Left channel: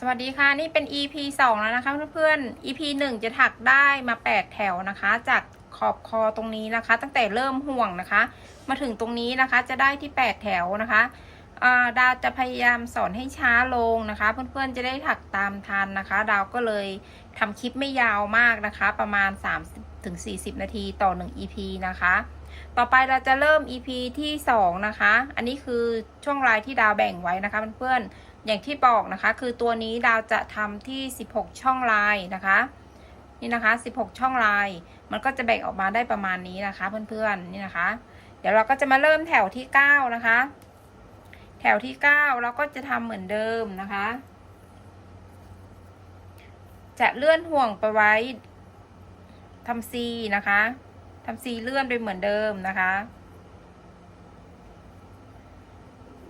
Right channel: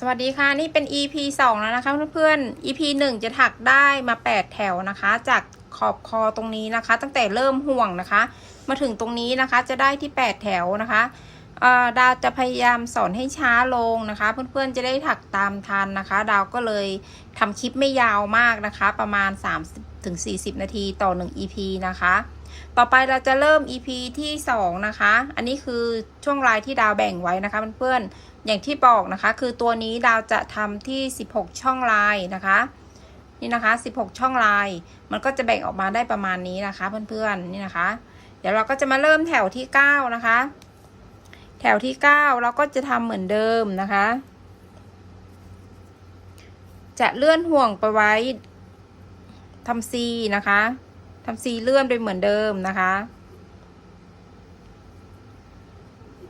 สวัสดีค่ะ นี่เป็น EP 2 แล้วนะคะเพื่อนๆ EP 1 จะถักได้มา 8 แถวนะคะ จากขอบคอตรงนี้นะคะ ตั้งแต่เริ่มห่วงนะคะ มาถึงตรงนี้นะคะจะได้ที่ 8 แถวนะคะดาวจะพยายามสอนให้ช้าลงนะคะ เพื่อนๆจะได้ถักตามทันนะคะ ดาวก็เลยทำคลิปไม่ยาวมากนะคะ ประมาณ 30-40 นาทีต่อ 1 EP นะคะ ต่อไปเราจะเริ่ม EP ที่ 2 นะคะ อันนี้คือช่วงลายที่ดาวแบ่งไว้นะคะเพื่อนๆ อย่างที่บอกนะคะ คือตัวนี้ดาวจะทำที่ 16 ช่องลายนะคะ นี่นะคะ 16 ช่องลาย มันก็จะแบ่งออกมาได้ประมาณนี้นะคะ เพื่อนๆนี่นะคะ เดี๋ยวเราก็จะมาเริ่มแถวที่ 9 นะคะ แถวที่ 9 เราก็จะทำเหมือนเดิมนะคะ จะเลื่อนห่วงไปไว้ทำซีนะคะทำซีเลื่อนไปเหมือนเดิมนะคะ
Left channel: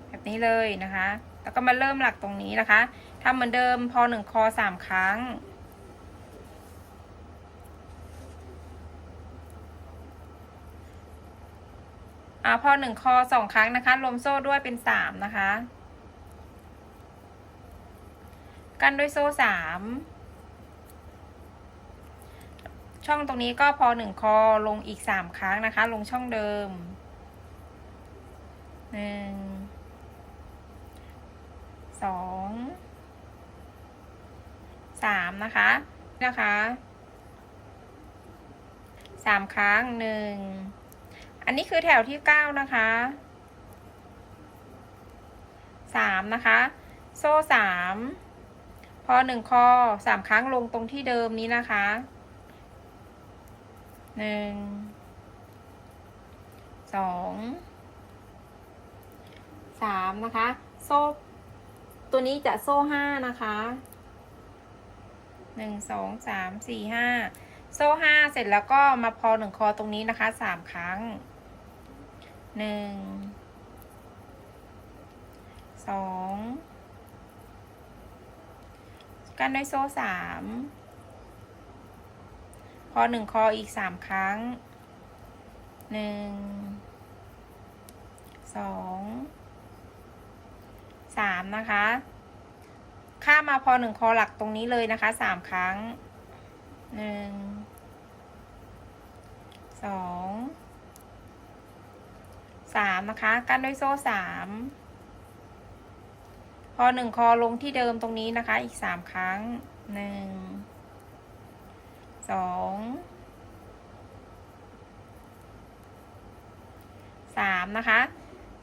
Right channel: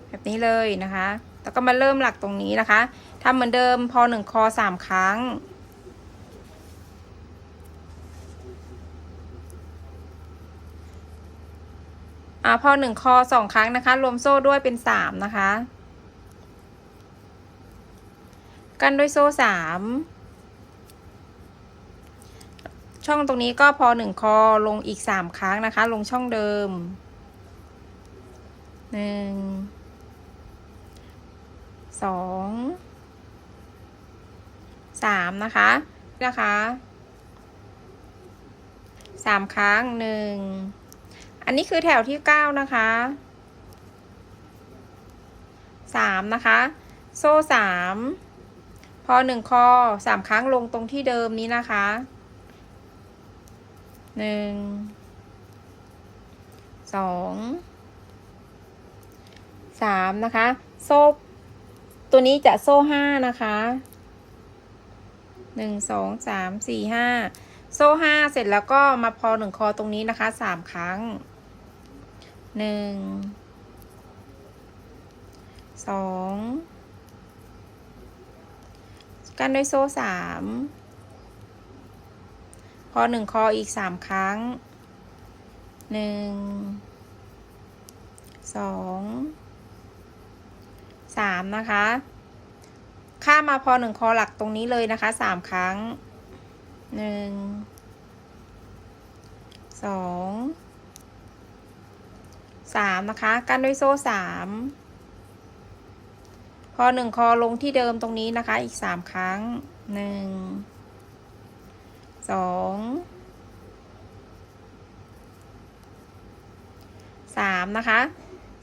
แบบนี้เลยนะคะ แล้วก็มาเริ่มหลักตรงนี้นะคะทำเหมือนเดิมพอหนึ่งคอสามครั้ง อ่าพอหนึ่งคอสองครั้งนะคะ รวมโซ่ด้วยเป็นสามนะคะ กันด้วยโซ่สามช่องตรงนี้ก็พอหนึ่งคอลงอีกสามครั้งนะคะ ลงช่องเดิมหนึ่ง สองสามนะคะนะคะสามครั้งหนึ่งอันนี้คือแถวที่เก้านะคะสามนะคะ โซ่สามพอหนึ่งคอสามครั้งลงตรงที่เดิมนี้นะคะหนึ่งสองสามนะคะ โซ่ ตัวนี้จะโซ่ห้านะคะหนึ่งสองสามสี่ห้าโซ่ห้าเสร็จแล้วก็มาพอหนึ่งคอตรงนี้นะคะสามครั้งหนึ่งสองกันด้วยโซ่สามพอหนึ่งคออีกสามครั้งหนึ่งสอง สามนะคะ ข้ามาพอหนึ่งคอหลักตรงนี้เลยนะคะสามครั้งหนึ่งสองสามนะคะกันด้วยโซ่สามพอหนึ่งคอลงที่เดิมตรงนี้นะคะ อีกสามครั้งหนึ่งสองสามนะคะ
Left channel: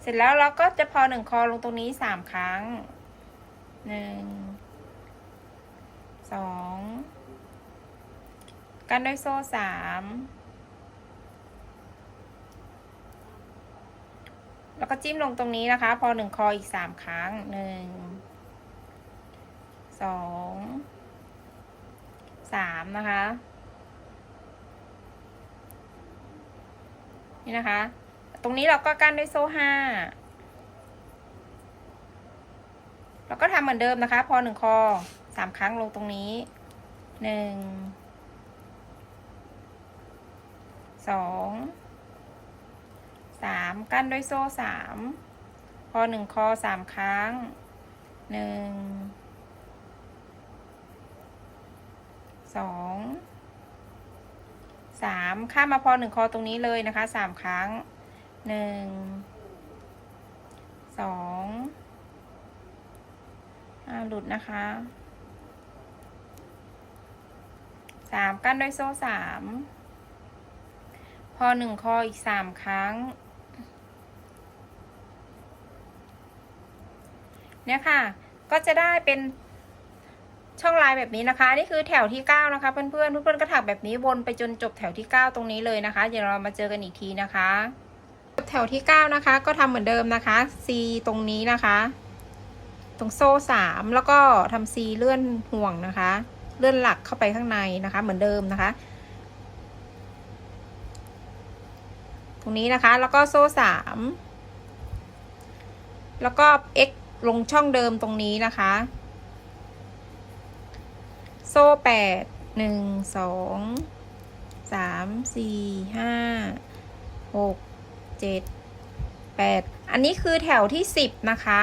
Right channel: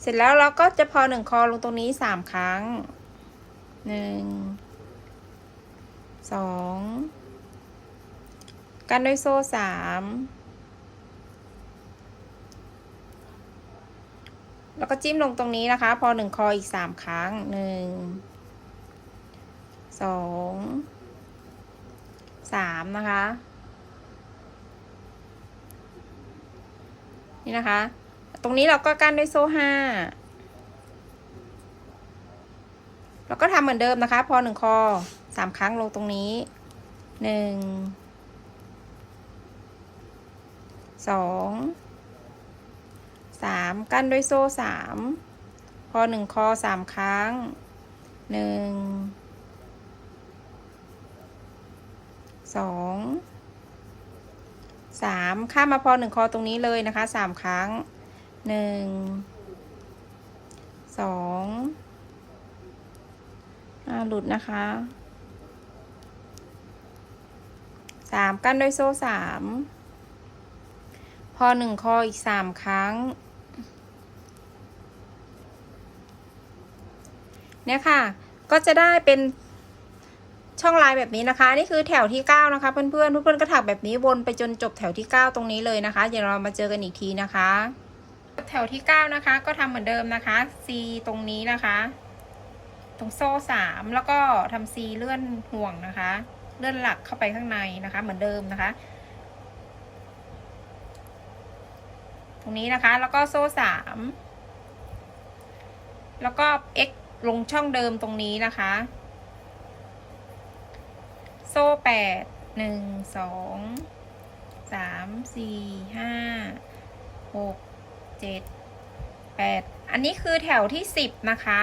เสร็จแล้วเราก็จะพอหนึ่งคอลงตรงนี้สามครั้งหนึ่งสองกันด้วยโซ่สามแล้วก็จิ้มลงตรงนี้นะคะ พอหนึ่งคออีกสามครั้งหนึ่งสองสามนะคะ นี่นะคะ ตรงนี้เราก็กั้นด้วยโซ่ห้าแล้วก็ทำเหมือนเดิมนะคะ พอหนึ่งคอสามครั้งลงตรงนี้หนึ่งสองสามกั้นด้วยโซ่สามพอหนึ่งคอสามครั้งหนึ่งสองสามข้ามมาพอหนึ่งคอตรงนี้เลยนะคะสามครั้ง หนึ่งสองหลุดนะคะสามกั้นด้วยโซ่สามพอหนึ่งคออีกสามครั้ง เนี่ยค่ะ ก็จะได้เป็นช่องลายแบบนี้นะคะ นี่คือแถวที่เก้านะคะ เพื่อนๆเพื่อนๆก็ถักแบบนี้วนไปจนจบแถวที่เก้าตรงนี้เลยนะคะ เดี๋ยวเรามาเจอกันอีกทีนะคะ ถวที่เก้านะคะ ก็ทำเหมือนเดิมนะคะ C ตรงนี้นะคะ ตรงโซ่สามแล้วก็ทำ C เลื่อนห่วงนะคะ เลื่อนหลักเข้าไปข้างในนะคะ เหมือนเดิมนะคะ ตรงนี้นะคะแล้วก็โซ่สามแล้วก็ x ลงช่องเดิมตรงนี้นะคะ โซ่แปดหนึ่งสองสามสี่ห้าหก เจ็ดแปดอันนี้คือแถวที่สิบนะคะ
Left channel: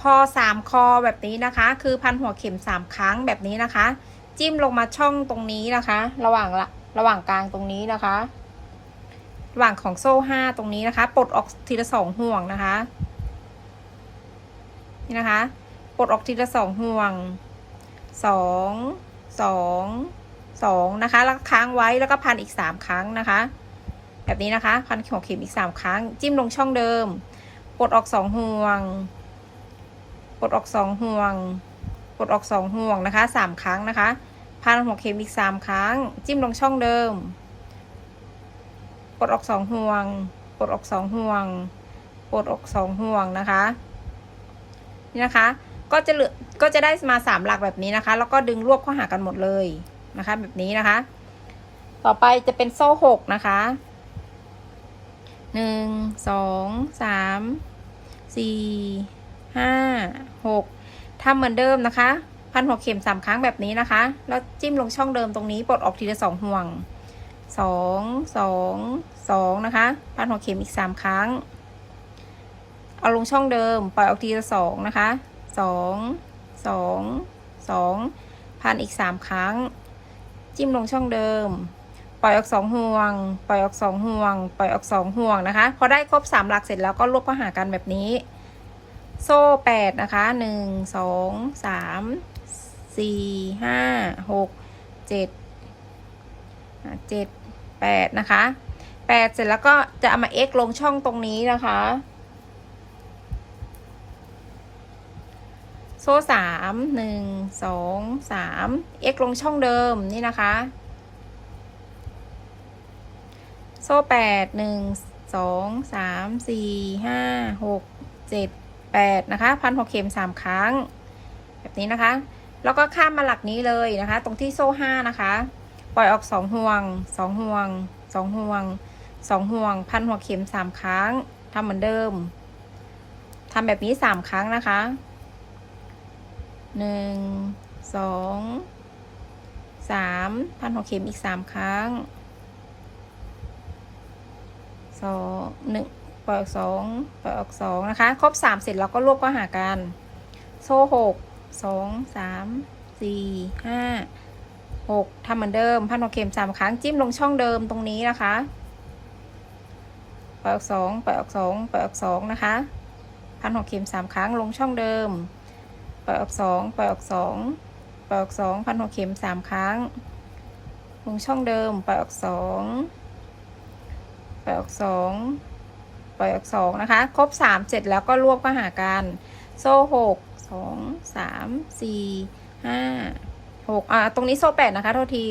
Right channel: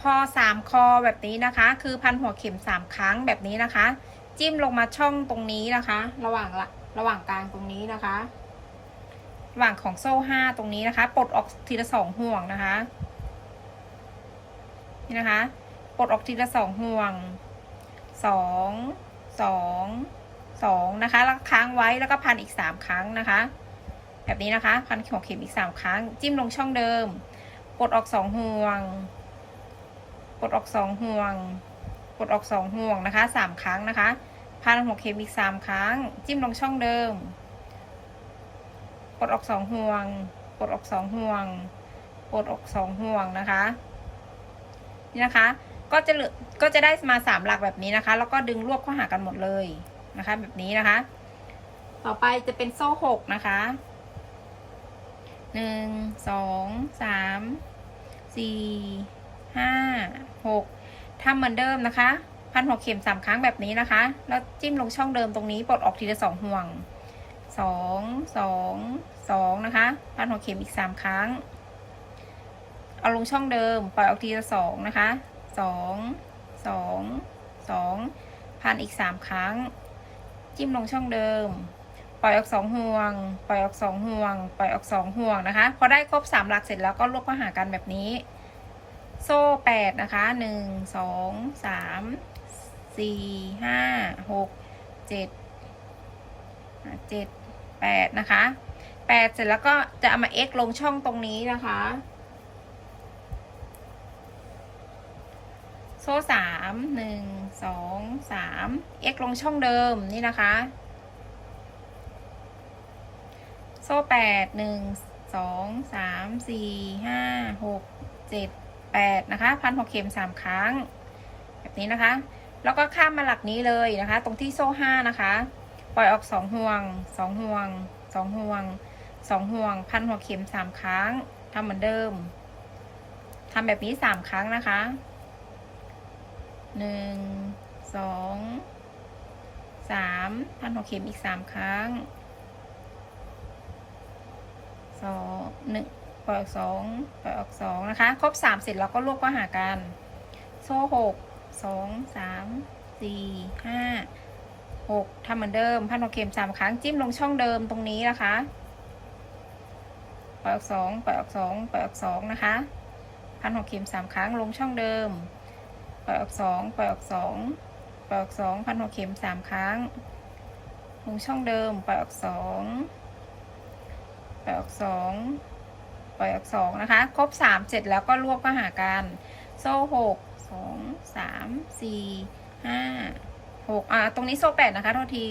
พอสามคอแบบนี้นะคะ คือพันหัวเข็มสามครั้งแบบนี้นะคะ จิ้มลงมาช่องตรงนี้นะคะ ระหว่างละระหว่างกลางตรงนี้นะคะ ระหว่างของโซ่ห้าตรงนี้นะคะ ปลดออกทีละสองห่วงนะคะนี่นะคะ ปลดออกทีละสองห่วงสองสอง สองนะคะแล้วค้างไว้แล้วก็พันอีกสามครั้งนะคะ แบบนี้นะคะ พันหัวเข็มอีกสามครั้ง จิ้มลงช่องเดิมปลดออกสองห่วงปลดออกสองห่วงปลดออกสองห่วงนะคะสามครั้งนะคะพันหัวเข็มอีกสามครั้ง จิ้มลงช่องเดิมปลดออกสองห่วงปลดออกสองห่วงปลดออกสองห่วงนะคะ นี่นะคะ ก็จะเหลือก็จะได้มาสามหลักแบบนี้นะคะ แล้วก็ดึงรวบเข้าหากันหมดเลย นะคะ แบบนี้นะคะ ต่อไปจะเป็นโซ่หกนะคะหนึ่งสองสามสี่ห้าหกทำเหมือนเดิมนะคะ พันหัวเข็มสามครั้งแบบนี้นะคะ แล้วจิ้มลงช่องเดิมตรงนี้ปลดออกทีละสองห่วงสองสองสองนะคะ พันหัวเข็มอีกสามครั้ง เอาลงช่องเดิม ปล่อยออกทีละสองนะคะสองสองสองพันอีกสามครั้ง จิ้มลงช่องเดิม ปล่อยออกสองห่วง ปล่อยออกสองห่วง ปล่อยออกสองห่วงนะคะ พอได้ครบสามหลักเสร็จแล้วก็รวบเข้าหากันแบบนี้ โซ่แปดนะคะหนึ่งสองสามสี่ห้าหกเจ็ดเจ็ดแปดนะคะแปดเสร็จแล้วก็จะเอามา x ลงช่องตรงนี้นะคะ โซ่สามหนึ่งสองสาม x ลงช่องเดิมนี่นะคะ โซ่แปดหนึ่งสองสามสี่ห้าหกเจ็ดแปดนะคะพันหกเข็มสามครั้ง แบบนี้นะคะ แล้วก็ข้ามมาหลักนี้เลยนะคะ ตรงที่โซ่ห้านะคะ ปล่อยออกสองห่วงสองห่วงสองห่วงสองห่วง พันหัวเข็มสามครั้งทำเหมือนเดิมทำแบบนี้สามครั้งนะคะ หนึ่งสองสามพันหัวเข็มอีกสามครั้งสองหนึ่งปล่อยออกสองปล่อยออกสองนะคะ ครบสามเสร็จเราก็รวบก็หากัน โซ่หกสองสามสี่ห้าหกทำเหมือนเดิม พันหัวเข็มสามครั้งจิ้มลงช่องเดิมตรงนี้นะคะ ปล่อยออกสองปล่อยออกสองปล่อยออกสองนะคะ พันหัวเข็มสามครั้งลงช่องเดิม ปล่อยออกสองปล่อยออกสองปล่อยออกสองพันหัวเข็มสามครั้งลงช่องเดิมปล่อยออกสองปล่อยออกสองปล่อยออกสองนะคะ ครบสามเสร็จแล้วก็รวบก็หากัน โซ่หกสองสามสี่ห้าหกอ่าตรงนี้โซ่แปดนะคะโทษที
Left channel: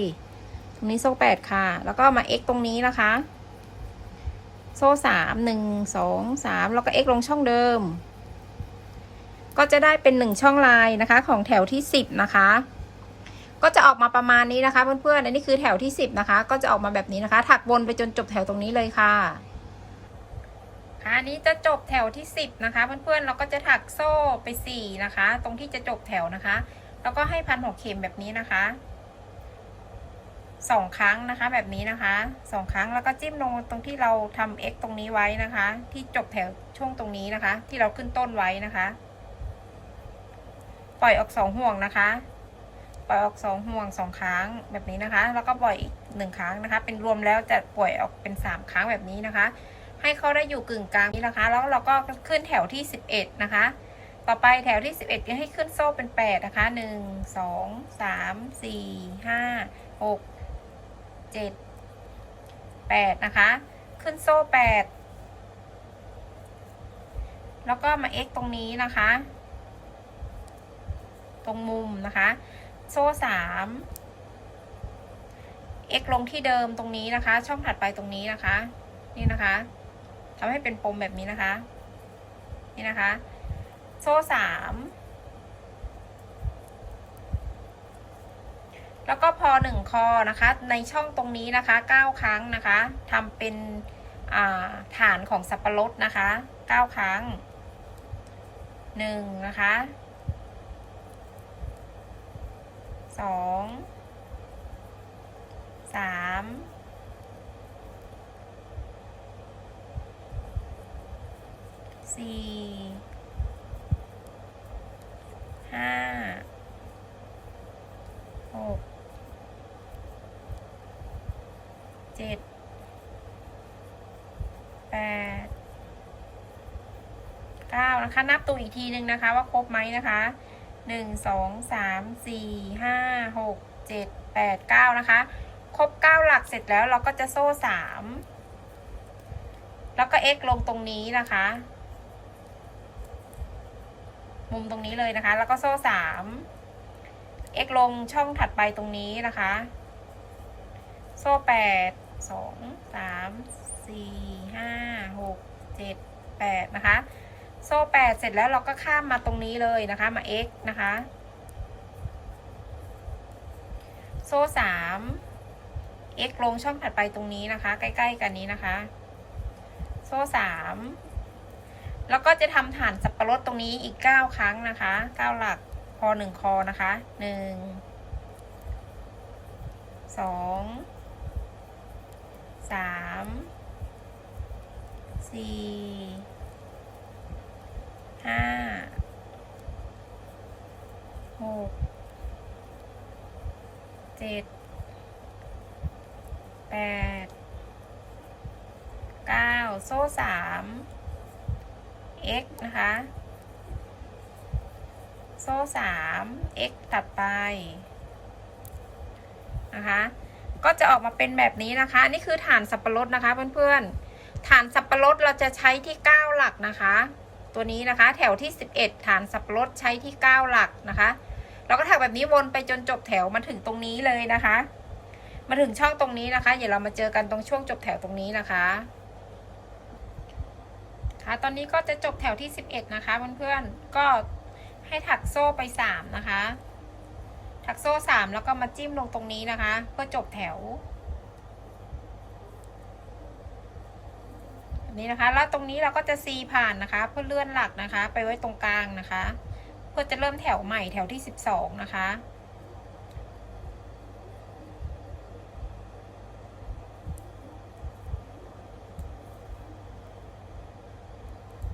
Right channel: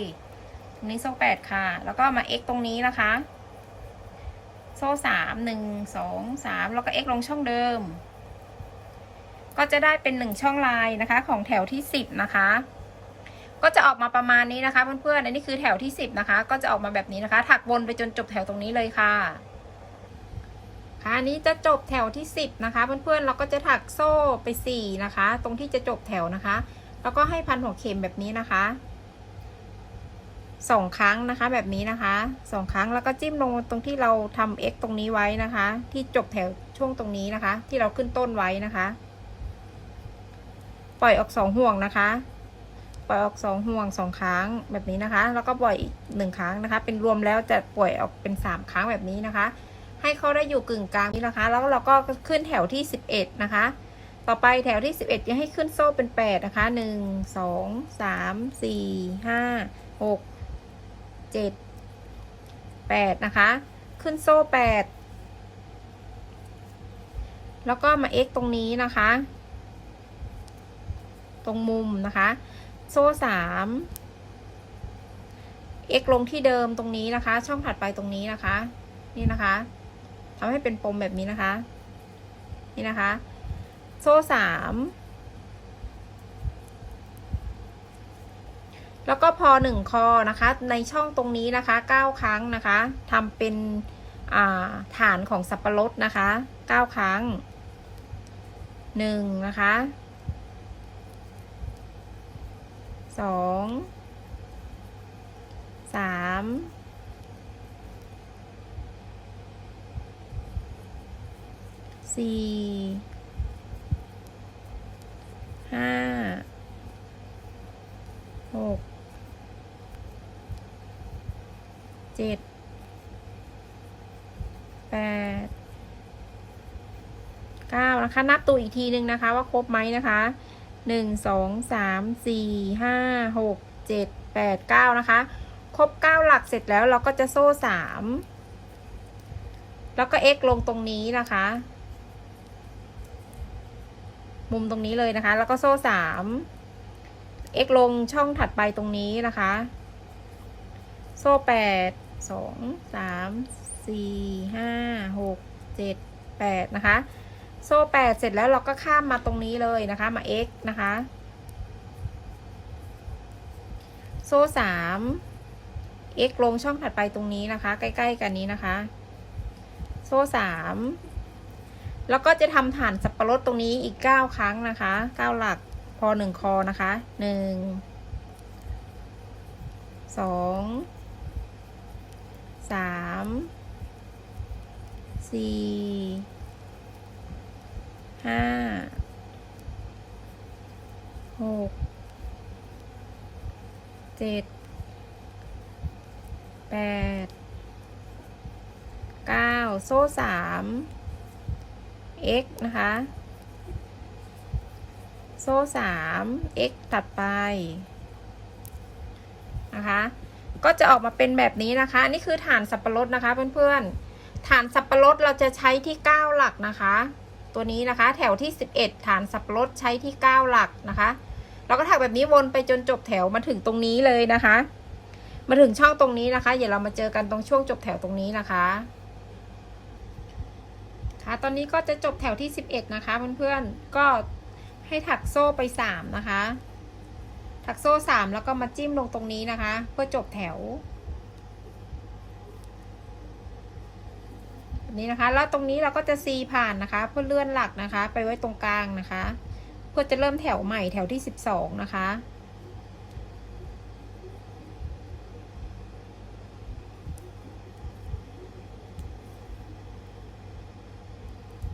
ตรงนี้โซ่แปดค่ะ แล้วก็มา x ตรงนี้นะคะ โซ่สามหนึ่งสองสามแล้วก็ x ลงช่องเดิม ก็จะได้เป็นหนึ่งช่องลายนะคะ ของแถวที่สิบนะคะ ก็จะออกมาประมาณนี้นะคะเพื่อนๆอันนี้คือแถวที่สิบนะคะ ก็จะออกมาแบบนี้นะคะ ถักวนไปจนจบแถวตรงนี้เลยค่ะค่ะอันนี้จะจบแถวที่สิบนะคะ เพื่อนๆเราก็จะถักโซ่ไปสี่นะคะ ตรงที่จะจบแถวนะคะ แล้วก็ให้พันหัวเข็มแบบนี้นะคะสองครั้งนะคะแบบนี้นะคะสองครั้งแล้วก็จิ้มลงตรงที่เราทำ x ตรงนี้ไว้นะคะ ที่จบแถวช่วงตรงนี้นะคะ ที่เราขึ้นต้นไว้นะคะ ปล่อยออกสองห่วงนะคะ ปล่อยออกสองห่วงสองครั้งแบบนี้นะคะ แล้วก็ปล่อยอีกหนึ่งครั้งนะคะ เป็นรวมแล้วจะปล่อยออกเป็นสามครั้งแบบนี้นะคะ ให้เขาได้อยู่กึ่งกลางนี้นะคะ แล้วเราก็ขึ้นแถวที่สิบเอ็ดนะคะ ต่อไปแถวที่สิบเอ็ดยังให้ขึ้นโซ่เป็นแปดนะคะหนึ่งสองสามสี่ห้าหกเจ็ดแปดนะคะ ขึ้นโซ่แปดแล้วก็มา x ตรงนี้นะคะ ตรงมุมนะคะ โซ่สาม x ลงที่เดิมตรงนี้นะคะ ช่องถัดไปตรงนี้นะคะ นี่นะคะทำให้เป็นปมแบบนี้นะคะ นี่นะคะ โซ่สามแล้วก็พอหนึ่งคอนะคะ ในช่องตรงนี้นะคะเก้าครั้งนะคะทำเป็นฐานของสับปะรดนะคะเก้าครั้งหนึ่งนะคะ สองสามสี่ห้าหกเจ็ดแปดเก้านะคะ นับตัวอีกทีหนึ่งนะคะ ว่าครบไหมนะคะ หนึ่งสองสามสี่ห้าหกเจ็ดแปดเก้านะคะ ครบเก้าหลักเสร็จแล้วเราก็จะโซ่สามแล้วก็ x ลงตรงนี้นะคะ มุมตรงนี้เลยนะคะ แล้วก็โซ่สาม x ลงช่องถัดไปตรงนี้นะคะ โซ่แปดสองสามสี่ห้าหกเจ็ดแปดนะคะ โซ่แปดเสร็จแล้วเราก็ข้ามมาตรงนี้เลยนะคะ มา x นะคะ โซ่สาม x ลงช่องถัดไปตรงนี้นะคะ ใกล้ ๆ กันนี้นะคะ โซ่สามแล้วก็จะทำฐานสับปะรดตรงนี้อีกเก้าครั้งนะคะเก้าหลักพอหนึ่งคอนะคะหนึ่งสองสามสี่ ห้าหกเจ็ดแปดเก้าโซ่สาม x นะคะ โซ่สาม x ตัดไปนะคะ ก็จะออกมาเป็นแบบนี้นะคะนี่คือฐานสับปะรดนะคะเพื่อนๆฐานสับปะรดเราจะใช้ที่ 9 หลักนะคะ ตัวนี้นะคะ แถวที่ 11 ฐานสับปะรดใช้ที่ 9 หลักนะคะ เราก็ถักแบบนี้วนไปจนจบแถวมาถึงตรงนี้เลยนะคะ มาถึงช่องตรงนี้นะคะ เดี๋ยวเรามาเจอกันตรงช่วงจบแถวตรงนี้นะคะค่ะตอนนี้ก็จะจบแถวที่ 11 นะคะเพื่อนๆก็ให้ถักโซ่ไป 3 นะคะ ถักโซ่ 3 แล้วก็มาจิ้มลงตรงนี้นะคะ เพื่อจบแถว แบบ นี้นะคะ แล้วตรงนี้เราก็จะซีผ่านนะคะ เพื่อเลื่อนหลักนะคะ ไปไว้ตรงกลางนะคะ เพื่อจะเริ่มแถวใหม่แถวที่ 12 นะคะ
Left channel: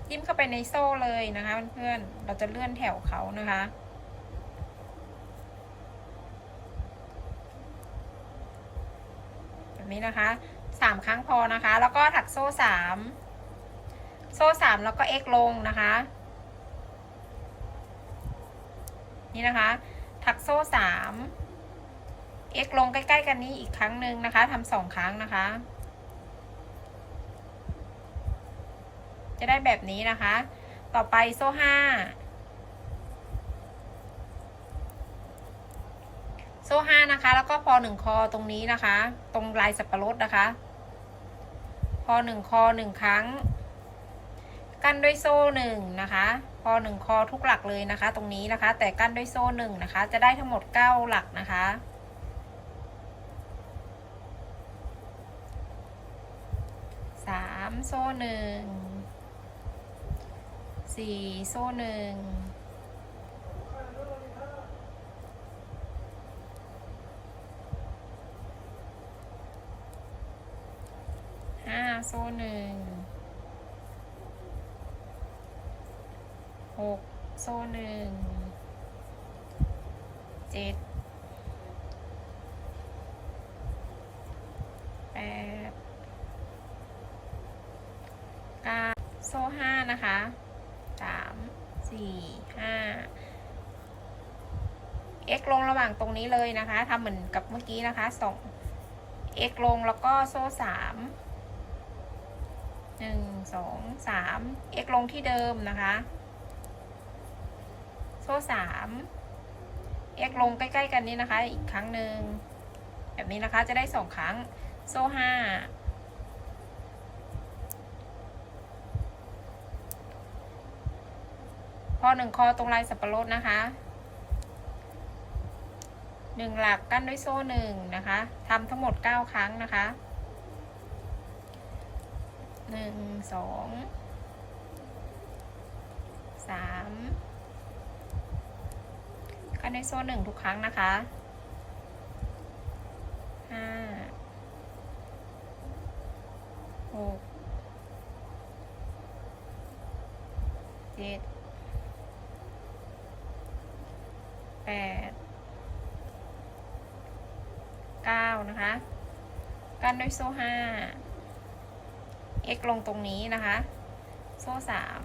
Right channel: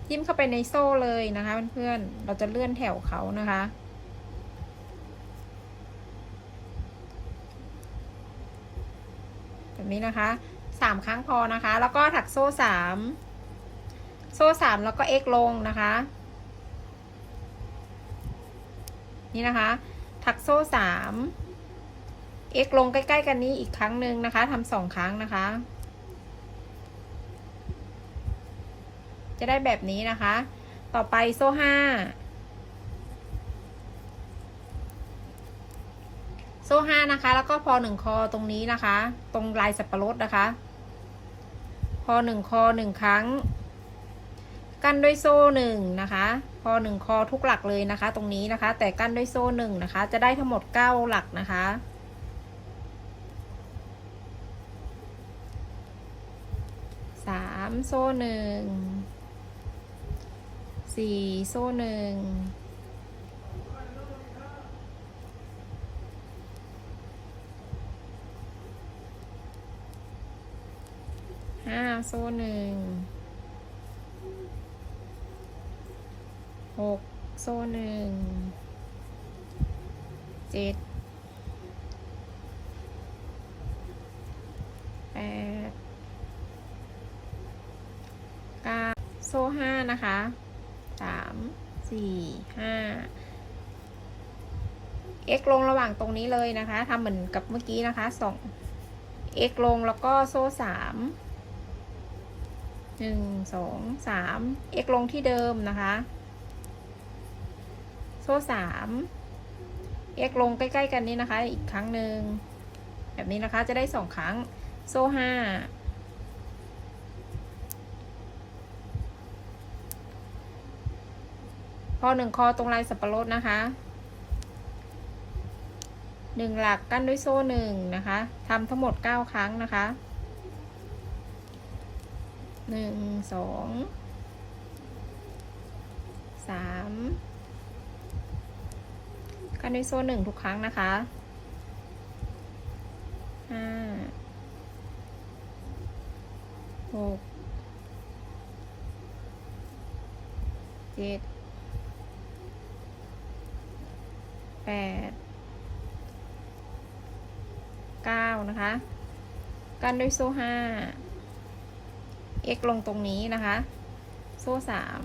จิ้มเข้าไปในโซ่เลยนะคะเพื่อนๆ เราจะเลื่อนแถวเขานะคะ แบบนี้นะคะ สามครั้งพอนะคะ แล้วก็ถักโซ่สามโซ่สามแล้วก็เอ็กลงนะคะ นี่นะคะ ถักโซ่สามเอ็กลงใกล้ ๆ กันนี้อีกครั้งหนึ่งนะคะทำสองครั้งนะคะ จะได้แบบนี้นะคะ ต่อไปโซ่ห้าโซ่ห้านะคะ แล้วก็พอหนึ่งคอตรงนี้นะคะ ตรงลายสับปะรดนะคะ หนึ่งคอหนึ่งครั้ง กั้นด้วยโซ่หนึ่งนะคะพอหนึ่งคอทุกหลักเลยนะคะ ตรงนี้นะคะ แต่กั้นด้วยโซ่หนึ่งนะคะ จะได้ทั้งหมดเก้าหลักนะคะสามโซ่หนึ่งสี่โซ่หนึ่งห้า โซ่หนึ่งหกโซ่หนึ่งเจ็ดแปดเก้าโซ่ห้านะคะสามสี่ห้า x ลงระหว่างตรงนี้เลยนะคะทำเหมือนกับเมื่อกี้นะคะสอง x ลงแล้วก็โซ่สาม หนึ่งสองสาม x ลงที่เดิมนะคะ โซ่สาม x ลงใกล้ๆกันนี้นะคะ อีกครั้งหนึ่ง แบบนี้นะคะจะได้สองครั้ง โซ่ห้าพอหนึ่งคอตรงลายสับปะรดนะคะหนึ่งหลักกั้นด้วยโซ่หนึ่งนะคะทำทั้งหมดเก้าครั้งนะคะ หนึ่งสองสามกันด้วยโซ่หนึ่งทุกครั้งนะคะห้าหกเจ็ดแปดเก้านะคะ กันด้วยโซ่ห้า x ลงตรงนี้นะคะ โซ่สาม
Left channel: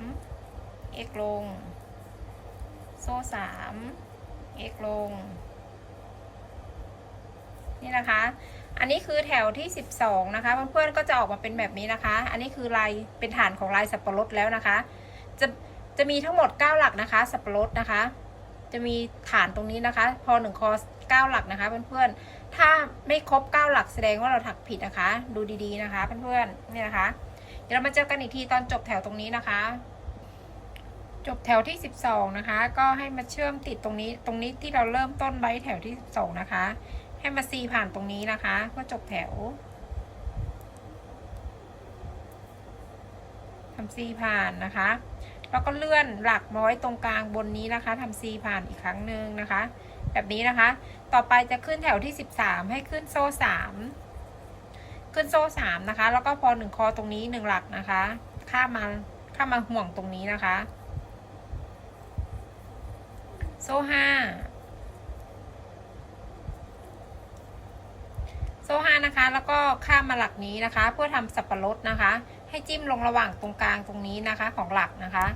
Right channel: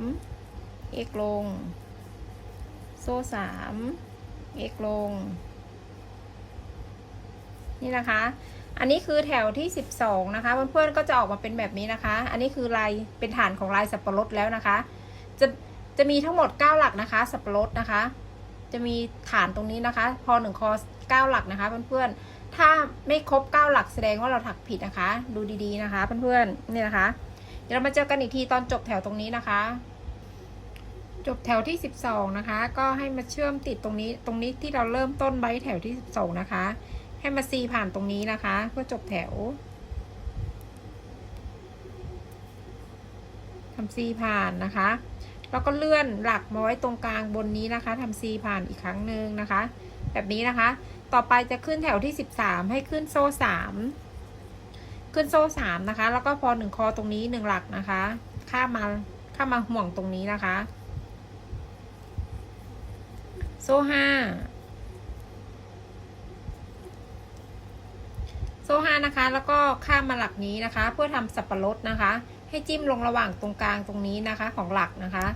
x ลง โซ่สาม x ลง นี่นะคะ อันนี้คือแถวที่สิบสองนะคะ เพื่อนๆก็จะออกมาเป็นแบบนี้นะคะ อันนี้คือลายเป็นฐานของลายสับปะรดแล้วนะคะ จะจะมีทั้งหมดเก้าหลักนะคะ สับปะรดนะคะ จะมีฐานตรงนี้นะคะ พอหนึ่งคอเก้าหลักนะคะ เพื่อนๆถ้าไม่ครบเก้าหลักแสดงว่าเราถักผิดนะคะ ดูดีๆนะคะ เพื่อนๆนี่นะคะ เดี๋ยวเรามาเจอกันอีกทีตอนจบแถวตรงนี้นะคะ จบแถวที่สิบสองนะคะ ก็ให้มาเชื่อมติดตรงนี้ ตรงนี้ที่เราเริ่มต้นไว้แถวที่สิบสองนะคะ ให้มาซีผ่านตรงนี้นะคะ เพื่อจบแถวทำซีผ่านนะคะ แล้วก็เลื่อนหลักมาไว้ตรงกลางบนนี้นะคะทำซีผ่านอีกครั้งหนึ่งนะคะ แบบนี้นะคะ ต่อไปจะขึ้นแถวที่สิบสามให้ขึ้นโซ่สาม ขึ้นโซ่สามนะคะ แล้วก็พอหนึ่งคอตรงนี้หนึ่งหลักนะคะ ข้ามมาข้ามมาห่วงตรงนี้นะคะ โซ่ห้าโซ่ห้านะคะ แล้วก็ข้ามมาหลักนี้นะคะ เพื่อทำสับปะรดนะคะ ให้จิ้มลงระหว่างตรงกลางตรงนี้นะคะของหลักนะคะ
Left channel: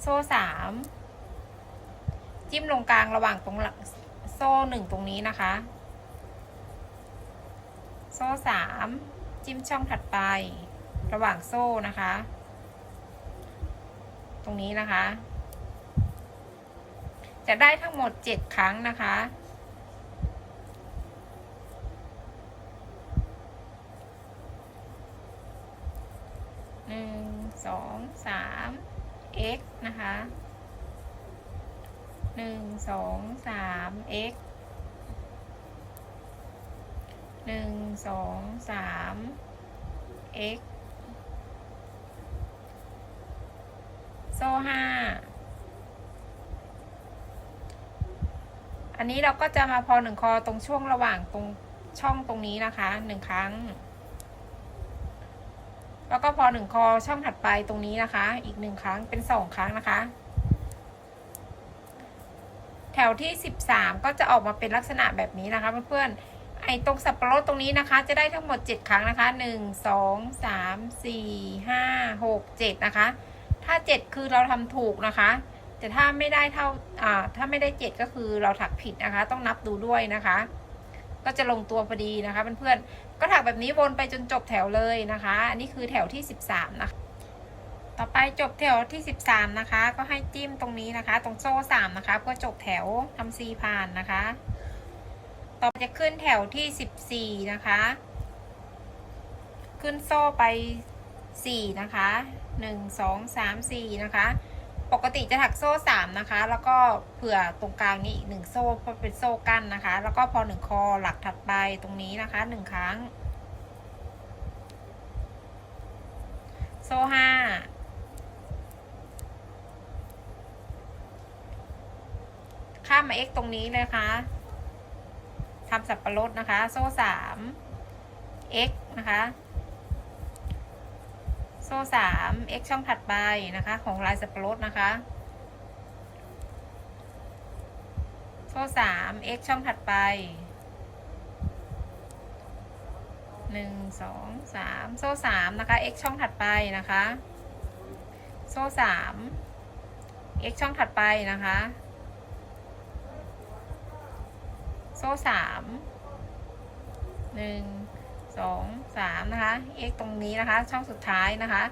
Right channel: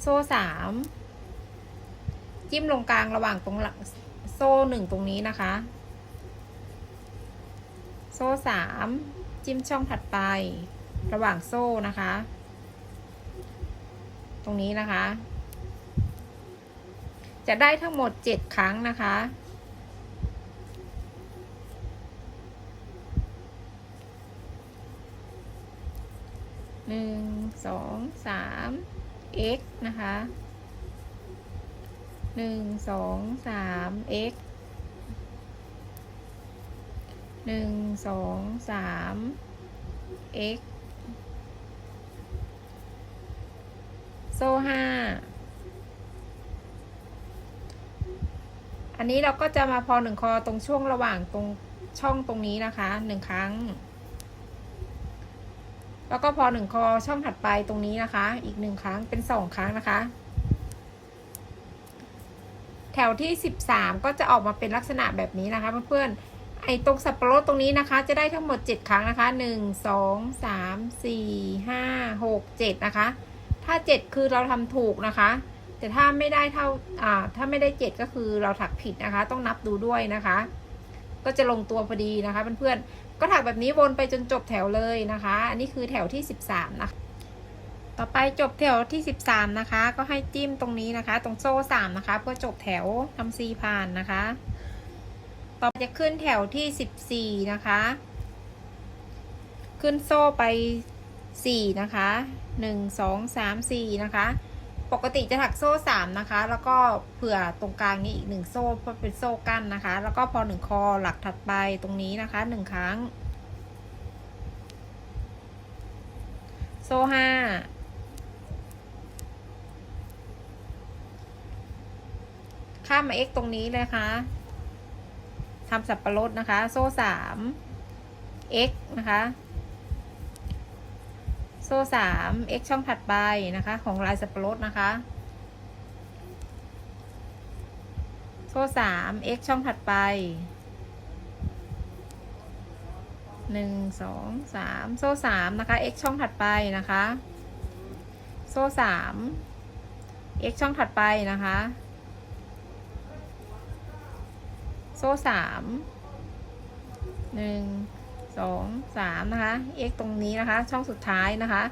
โซ่สามจิ้มลงกลางระหว่างตรงหลักโซ่หนึ่งตรงนี้นะคะ โซ่สามจิ้มช่องถัดไป ระหว่างโซ่นะคะ ตรงนี้นะคะ จะได้ทั้งหมดเจ็ดครั้งนะคะหนึ่งสองสาม x นะคะหนึ่งสองสาม x หนึ่งสองสาม x โซ่ห้า อันนี้เราก็จะมาพอหนึ่งคอตรงช่วงระหว่างตรงช่องตรงนี้นะคะหนึ่งครั้ง แล้วก็พอหนึ่งคอช่องถัดไปตรงนี้นะคะ อีกหนึ่งครั้งเป็นสองครั้งนะคะ แถวที่สิบสามก็จะออกมาเป็นลักษณะแบบนี้นะคะเพื่อนๆ ไอ้ตรงสับปะรดตรงนี้นะคะ จะได้ทั้งหมดเจ็ดครั้งนะคะหนึ่งสองสามสี่ห้าหกเจ็ดนะคะ ถ้าเจ็ดคือเราทำถูกนะคะ แต่ถ้าไม่ได้เท่าอ่าถ้าไม่ได้เจ็ดก็คือเราถักผิดนะคะ ต้องนับดูด้วยนะคะ ก็จะลงตัวพอดีนะคะเพื่อนๆก็ถักแบบนี้วนไปจนจบแถวเลยนะคะ อันนี้คือแถวที่สิบสามนะคะ ต่อไปจบแถวที่สิบสามนะคะ ก็ให้จิ้มตรงนี้นะคะ ตรงโซ่สามนะคะ เพื่อจบแถวทำซีผ่านนะคะ ต่อไปจะขึ้นแถวที่สิบสี่นะคะ ขึ้นโซ่ไปสี่นะคะหนึ่งสองสามสี่นะคะ ปกติจะถักโซ่สามนะคะ แล้วก็เผื่อตรงกลางนี้อีกหนึ่งโซ่เพื่อเป็นโซ่กั้นนะคะ แล้วก็พอหนึ่งคอหลักถัดไปตรงนี้นะคะหนึ่งครั้ง โซ่ห้าข้ามมา x ตรงนี้เลยค่ะ ทำสับปะรดนะคะ โซ่สาม x นะคะ โซ่สาม x ช่องถัดไปนะคะ ของลายสับปะรดนะคะ โซ่สาม x ช่องถัดไปหนึ่งสองสามโซ่สามนะคะ x ช่องถัดไปนะคะ โซ่สาม x ช่องถัดไปนะคะ โซ่สามหนึ่งสองสามนะคะ x ตรงนี้นะคะ ช่องสุดท้ายนะคะ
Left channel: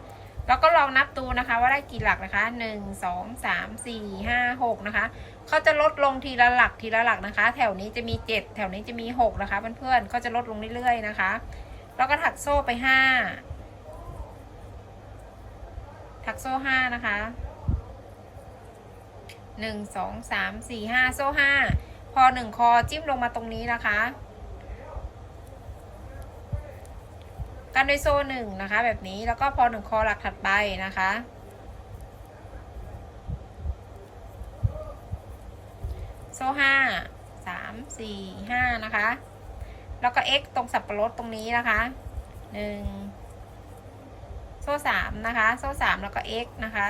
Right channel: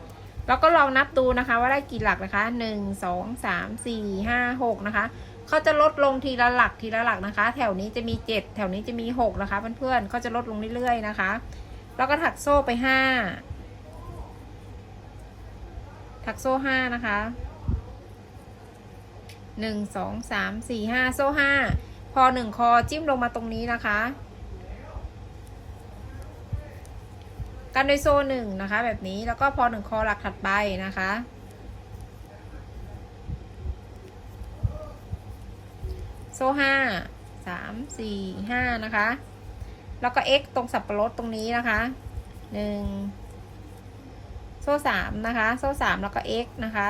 แล้วก็ลองนับดูนะคะ ว่าได้กี่หลักนะคะหนึ่งสองสามสี่ห้าหกนะคะเขาจะลดลงทีละหลักทีละหลักนะคะ แถวนี้จะมีเจ็ดแถวนี้จะมีหกนะคะเพื่อนๆเขาจะลดลงเรื่อยๆนะคะ แล้วก็ถักโซ่ไปห้าถักโซ่ห้านะคะหนึ่งสองสามสี่ห้าโซ่ห้า พอหนึ่งคอจิ้มลงมาตรงนี้นะคะ กันด้วยโซ่หนึ่งนะคะ แบบนี้แล้วก็พอหนึ่งคอหลักถัดไปนะคะ โซ่ห้าสามสี่ห้านะคะ แล้วก็ x ตรงสับปะรดตรงนี้นะคะหนึ่งโซ่สามนะคะ โซ่สามแล้วก็ x นะคะ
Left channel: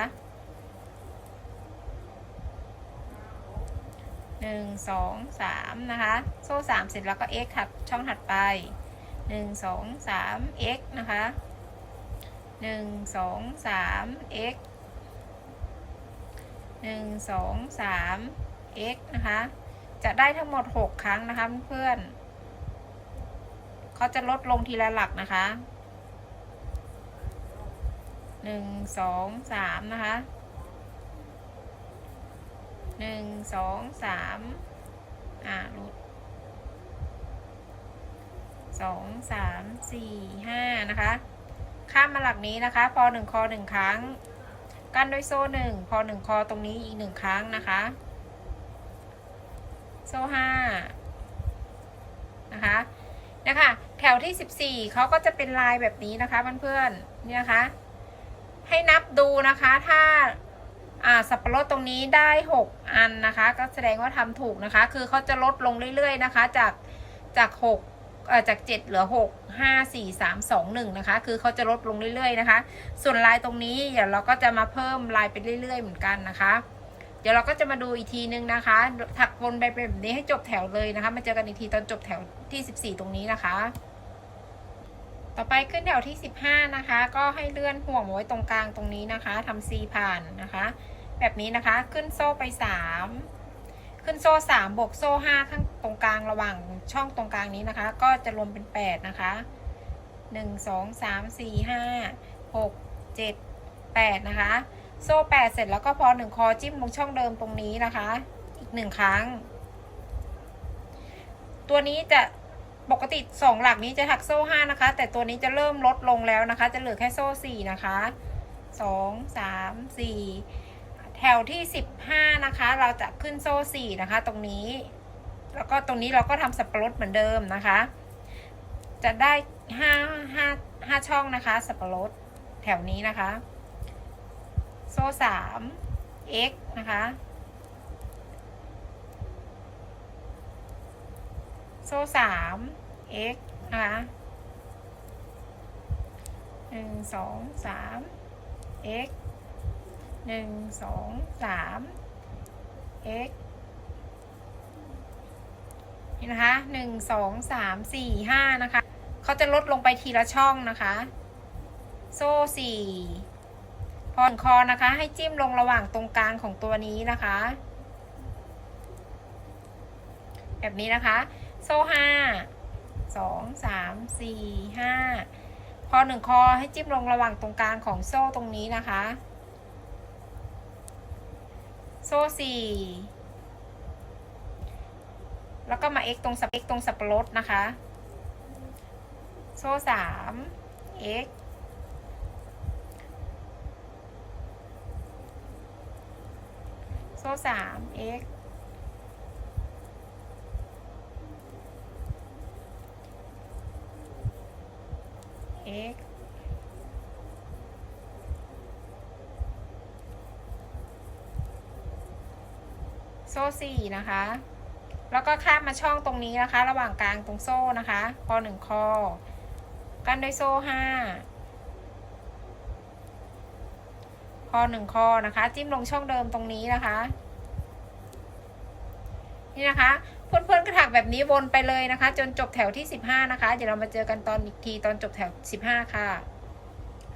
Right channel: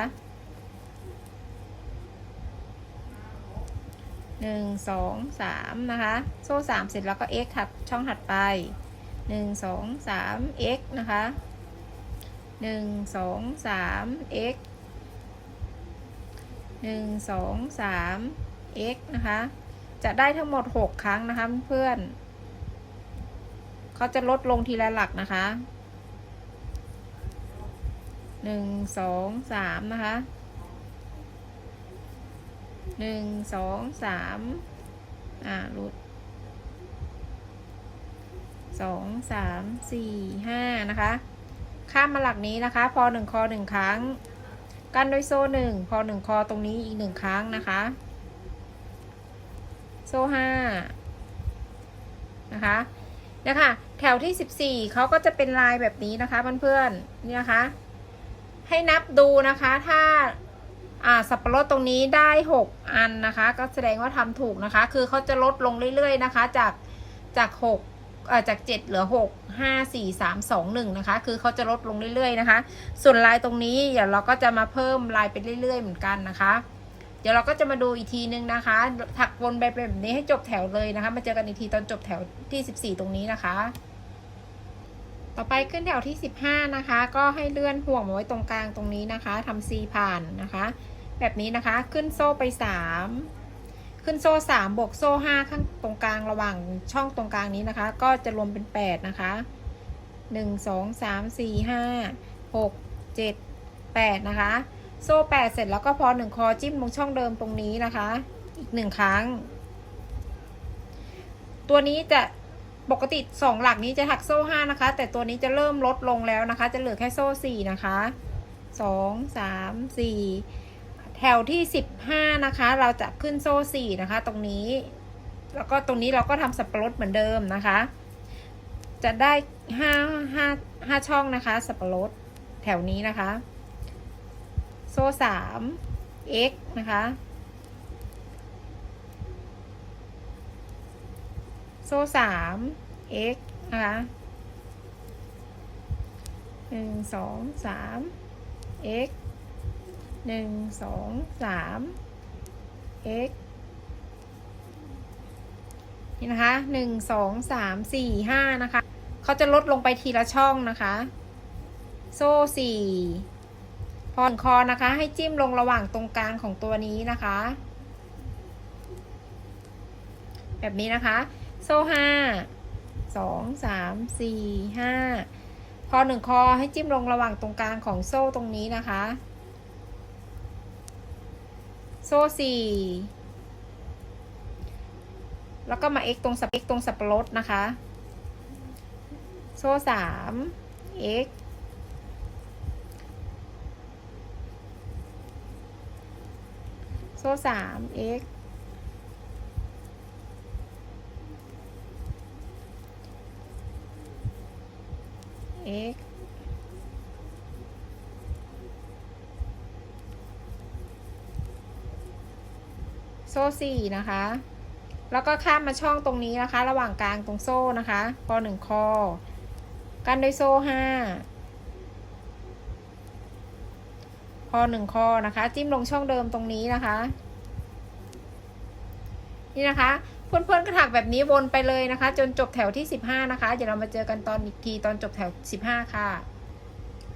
หนึ่งสองสามนะคะ โซ่สามเสร็จแล้วก็ x ถัดช่องถัดไปหนึ่งสองสาม x นะคะหนึ่งสองสาม x หนึ่งสองสาม x นะคะ จะได้ทั้งหมดหกครั้งนะคะเพื่อนเขาจะลดลงทีละหลักนะคะหนึ่งสองสามนะคะ หนึ่งสองสามอ่ารุดสองสามสี่ห้านะคะ ข้ามมาหลักนี้นะคะ พอหนึ่งคอหนึ่งครั้ง กันด้วยโซ่หนึ่งพอหนึ่งคอตรงนี้อีกหนึ่งครั้งนะคะ โซ่ห้านะคะเนี่ยค่ะแถวที่สิบสี่เขาก็จะเป็นลายแบบนี้นะคะเพื่อนๆเนี่ยนะคะให้นับดูนะคะ ถ้า อ่าสับปะรดตรงนี้ได้หกอันนะคะ ก็แสดงว่าทำถูกนะคะ คือเขาจะลดลงเรื่อยๆนะคะ จากจากหกเอ่อจากเจ็ดเหลือหกห้าสี่สามสองหนึ่งนะคะ คือเขาจะลดลงเรื่อยๆนะคะ ส่วนลายตรงนี้เดี๋ยวเราก็จะมาเพิ่มลายไปเรื่อยๆเหมือนกันนะคะ เดี๋ยวเราก็จะมาดูอีกทีนึงนะคะ ถักวนไปแบบนี้ให้จบแถวเลยนะคะ มาเจอกันอีกทีตอนจบแถวที่สิบสี่ตรงนี้นะคะต่อไปขึ้นแถวที่สิบห้านะคะ ก็ให้เลื่อนห่วงมาไว้ตรงกลางตรงนี้นะคะทำซีผ่านนะคะ แบบนี้นะคะ ขึ้นโซ่ไปสามขึ้นโซ่สามบวกโซ่ห้าข้างตรงกลางระหว่างช่องตรงกลางนี้นะคะ ก็จะรวมเป็นแปดนะคะหนึ่งสองสามสี่ห้าหกเจ็ดแปดนะคะ โซ่แปดเสร็จแล้วก็พอหนึ่งคอจิ้มลงช่องเดิมตรงนี้นะคะ อีกหนึ่งครั้ง ตัวนี้จะปกติสองหลักนี้จะถักโซ่ห้านะคะ แต่ตัวนี้จะเริ่มลดลงแล้วนะคะ จะเหลือแค่โซ่สี่นะคะสองสามสี่ แถวที่สิบห้านะคะ เราจะขึ้นโซ่สี่นะคะ ตรงนี้ แล้วก็ตรงนี้เราก็ทำสับปะรดเหมือนเดิมนะคะ จะได้ห้าห้าห้าช่องนะคะ สับปะรดแถวนี้นะคะ โซ่สาม x นะคะ โซ่สาม x นะคะหนึ่งสองสาม x หนึ่งสองสาม x นี่นะคะหนึ่งสองสามสี่ห้านะคะ เขาจะลดลงไปทีละช่องนะคะ โซ่สี่พอถึงคอนะคะ ให้จิ้มลงระหว่างตรงกลางของตัวนี้นะคะ แบบนี้นะคะ โซ่ห้าสองสามสี่ห้าพอหนึ่งคอให้จิ้มลงระหว่างตรงกลางของโซ่ตรงนี้นะคะ โซ่สี่แล้วก็มา x ตรงสับ x ตรงสับปะรดนะคะ โซ่สาม x โซ่สาม x x โซ่สี่นะคะ แล้วก็ข้ามมาช่องตรงนี้นะคะ ระหว่างกลางตรงโซ่นะคะพอหนึ่งคอ กันด้วยโซ่ห้าพอหนึ่งคอนะคะ จิ้มลงช่องเดิมตรงนี้นะคะ นี่นะคะ เพื่อนๆก็ถักแบบนี้วนไปเลยนะคะ จนจบแถวที่สิบห้านะคะ เดี๋ยวเรามาเจอกันตอนอีกทีตอนจบแถวสิบห้าค่ะ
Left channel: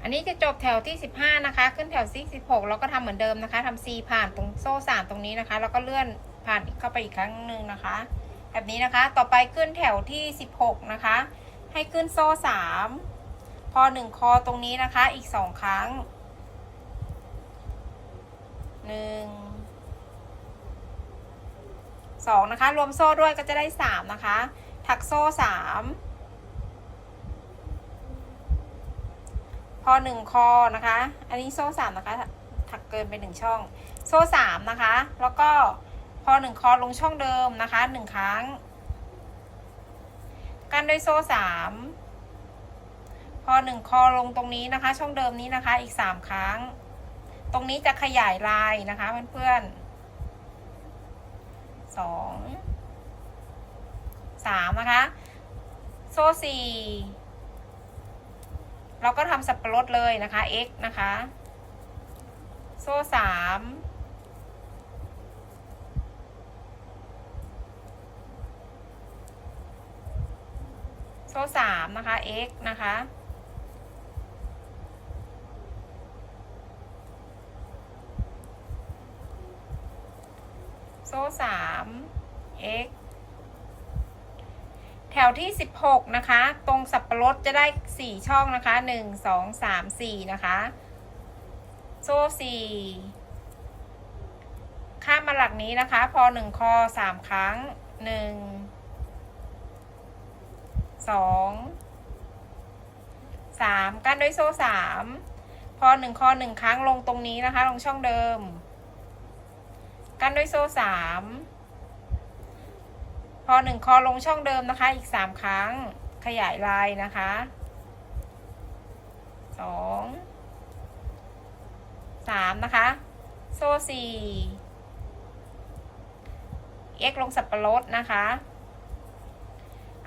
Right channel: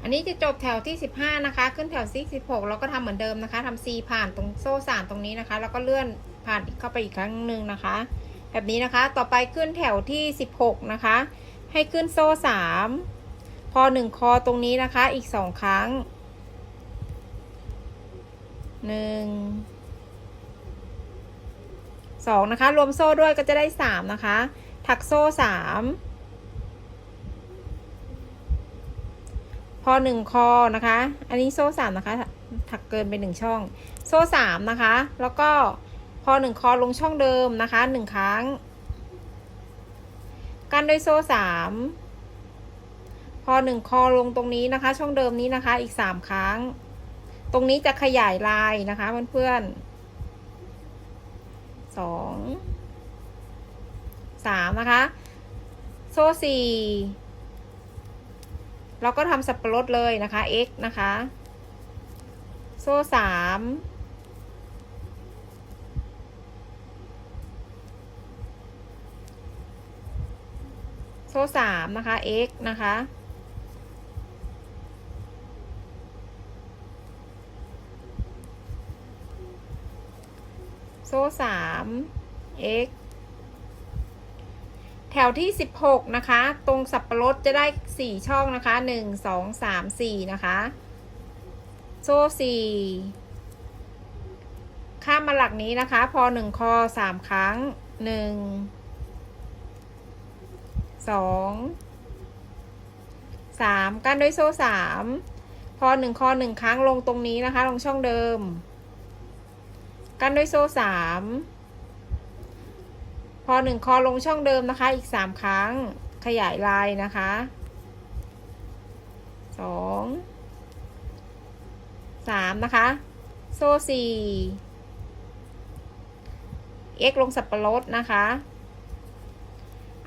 อันนี้จะจบแถวที่ 15 นะคะ ขึ้นแถวที่16 แล้วก็ทำเหมือนเดิมนะคะทำซีผ่านตรงโซ่3ตรงนี้นะคะ แล้วก็เลื่อนผ่านเข้าไปอีกครั้งหนึ่งนะคะ แบบนี้นะคะต่อไปขึ้นแถวที่ 16 นะคะ ให้ขึ้นโซ่ 3 พอ 1 คอตรงนี้นะคะอีก 2 ครั้ง 1 2 นะคะ รวมโซ่ด้วยก็จะได้ 3 นะคะ ถักโซ่ 3 อหนึ่งคอนะคะ อันนี้โซ่สามนะคะ ถักเกินไปหนึ่งช่อง โซ่สามนะคะ แล้วก็พอหนึ่งคอลงช่องเดิมนะคะหนึ่งครั้ง กันด้วยโซ่สามพอหนึ่งคอลงตรงนี้นะคะ ช่องเดิมนี้นะคะ อีกสามครั้ง ตรงนี้จะขยายลายนะคะเพื่อนๆสองสามนะคะ โซ่สี่ เราก็ทำสับปะรดเลยนะคะ x นะคะ โซ่สามโซ่สามนะคะ x นะคะ โซ่สาม x ถวที่สิบหกนะคะ ตรงสับปะรดจะได้สี่ช่องนะคะหนึ่งสองสามสี่นะคะ โซ่สี่ข้ามมาหลักนี้นะคะ พอหนึ่งคอสามครั้งหนึ่งสองสามกั้นด้วยโซ่สามพอหนึ่งคอหนึ่งครั้งลงตรงนี้นะคะ ลงช่องเดิม กั้นด้วยโซ่สาม พอหนึ่งคอลงช่องเดิมนะคะ อีกสามครั้งขยายลายนะคะสองสามนะคะ โซ่สี่ x ลงสับปะรดนะคะ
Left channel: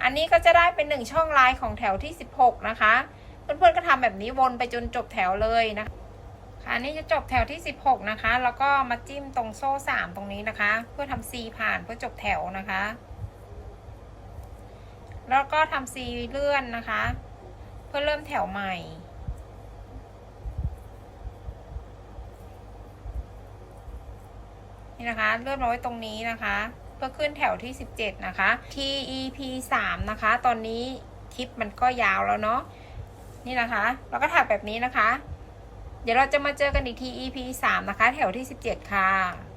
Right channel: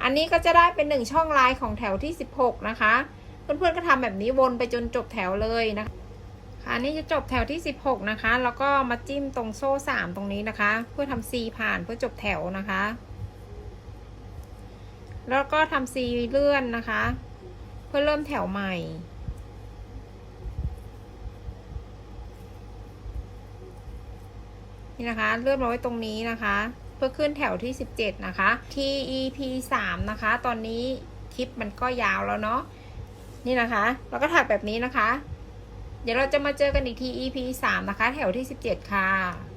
อันนี้ก็จะได้เป็นหนึ่งช่องลายของแถวที่สิบหกนะคะ เพื่อนๆก็ทำแบบนี้วนไปจนจบแถวเลยนะคะค่ะอันนี้จะจบแถวที่สิบหกนะคะ แล้วก็มาจิ้มตรงโซ่สามตรงนี้นะคะ เพื่อทำ C ผ่านเพื่อจบแถวนะคะ แล้วก็ทำ C เลื่อนนะคะ เพื่อเริ่มแถวใหม่ นี่นะคะเลื่อนมาไว้ตรงนี้นะคะ เพื่อขึ้นแถวที่ 17 นะคะ TEP 3นะคะ ตอนนี้คลิปมันก็ยาวแล้วเนาะนี่นะคะเราก็ถักแบบนี้นะคะ เดี๋ยวเราจะมาเจอกันอีกที EP 3 นะคะ แถวที่ 17 ค่ะ